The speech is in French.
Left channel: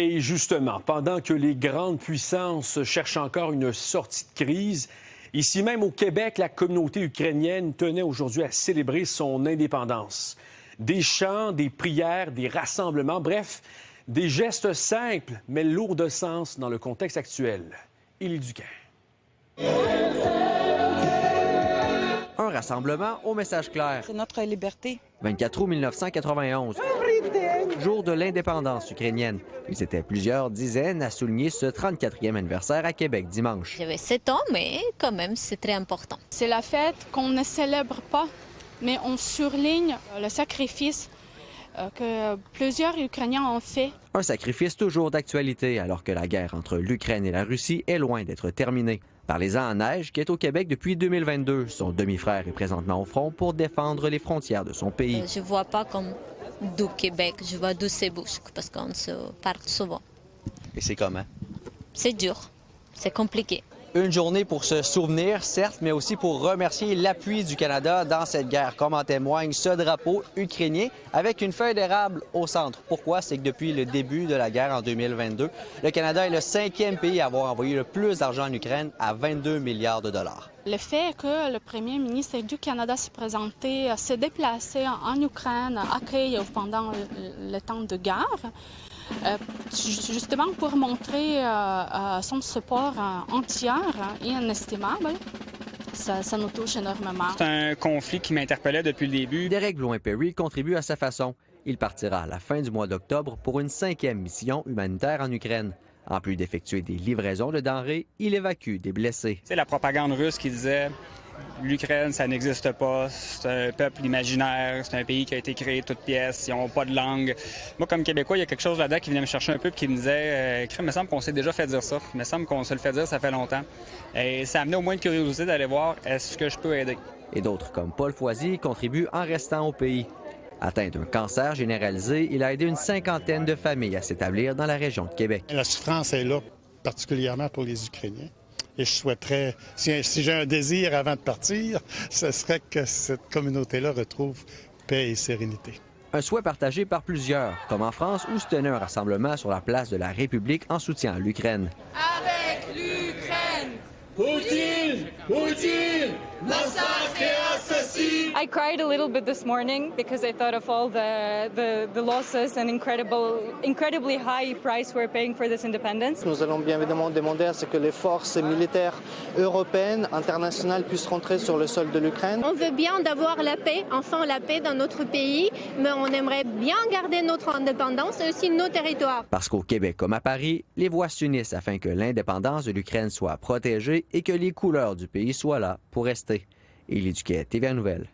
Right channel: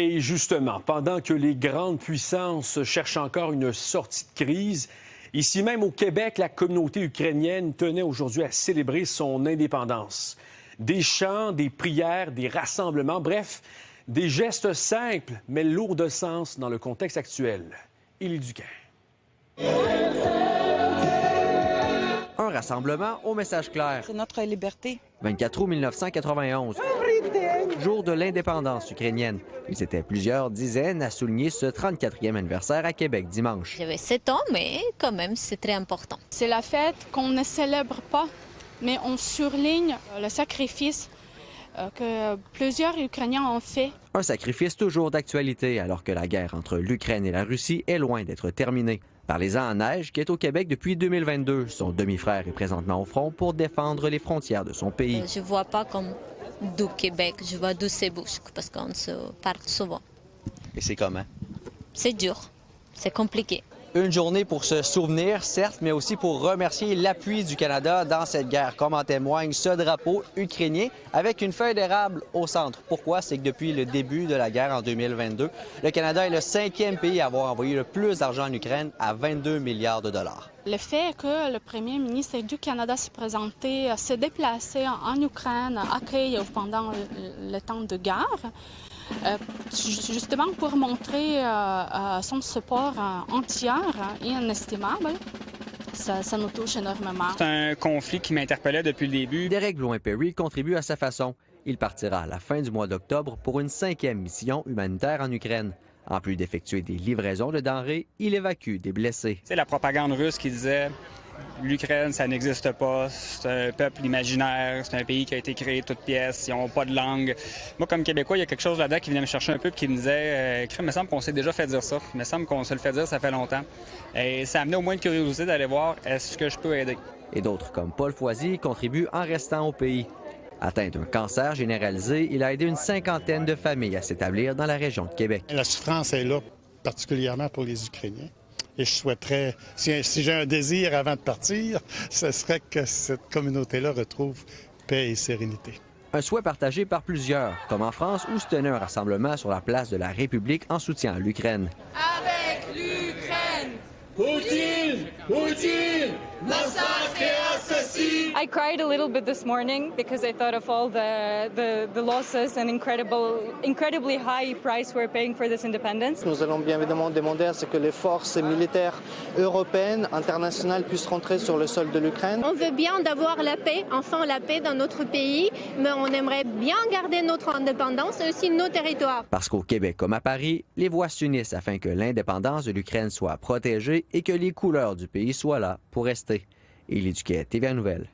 Et justement, pendant que les grandes puissances cherchent encore une sortie de crise, ici même au Québec, la communauté ukrainienne tenait aujourd'hui à célébrer son indépendance. Des chants, des prières, des rassemblements, bref, des gestes simples mais lourds de sens dans le contexte actuel. Élie Duquin. Un rassemblement au message clair. C'est notre liberté. 24 août 1991, jour de l'indépendance ukrainienne. Ils étaient plusieurs dizaines à souligner ce 34e anniversaire à Québec dimanche. J'avais 7 ans, mais quand même, c'est très important. C'est la fête qu'on ne célèbre pas, mais on surligne le sacrifice que plusieurs Ukrainiens ont fait. Un sacrifice toujours d'actualité alors que la guerre entre l'Ukraine et la Russie est loin d'être terminée. Parlez-en à Neige, qui est au Québec depuis 2022. Son demi-frère est présentement au front pour défendre les frontières de son pays. Je ne vois pas comme du Québec, je vois du Sébouche, parce qu'on se parle souvent. Et c'est comment? C'est dur, c'est compliqué. Une journée pour se souvenir, certes, mais aussi pour remercier l'appui du Canada dans cette guerre, comme en témoigne ce drapeau ukrainien avec une feuille d'érable au centre. Pourquoi? C'est que depuis le début de la guerre en 2022, le Canada est le 5e pays à avoir envoyé le plus d'argent en Ukraine, à 22 milliards de dollars. Le fait que le premier ministre du Canada s'est déplacé en Ukraine après pendant le temps de guerre, justement pour montrer son support entier et inestimable. Ça nous touche énormément. C'est un conflit qui m'interpellait depuis le début. Derek Blouin-Perry contribue à sa façon. Il partira à la fin du mois d'octobre pour une 5e mission humanitaire en Ukraine. En plus d'effectuer des livraisons de denrées, il évacue des blessés. C'est la propagande russe qui disait l'Ukraine, ça n'existe pas, c'est un peuple imaginaire, c'est un pays qui a été créé de toutes pièces, ils n'ont pas de langue. Moi, comme Québécois, il y a quelque chose là-dedans qui venait me chercher un peu et qui me disait il me semble qu'on s'est déjà fait dire ça, il me semble qu'on se le fait dire, ça fait longtemps. Et ça amenait au moins une curiosité d'aller voir est-ce que je peux aider. Et d'autres, comme Paul Foisy, contribuent en restant au pays. Atteint d'un cancer généralisé, il a aidé une 50aine de familles à s'établir dans la région de Québec. La souffrance est là, particulièrement pour les Ukrainiens. Et je souhaiterais, si j'ai un désir avant de partir, ce serait que cette communauté-là retrouve paix et sérénité. Un souhait partagé par plusieurs, comme en France où se tenait un rassemblement sur la place de la République en soutien à l'Ukraine. Avec l'Ukraine! Poutine! Poutine! Massacre et assassin! I cried a little bit this morning because I thought of all the losses and incredibly high price we're paying for this independence. Nous allons bien évidemment demander à ce que les forces militaires européennes, internationales puissent rentrer sur le sol de l'Ukraine. On veut bien d'avoir la paix, enfin la paix dans notre pays, mais on aimerait bien garder notre indépendance et aussi nos territoires. Parce qu'au Québec comme à Paris, les voix s'unissent afin que l'indépendance de l'Ukraine soit protégée et que les couleurs du pays soient là pour rester. Élie Duquet, TVA Nouvelles.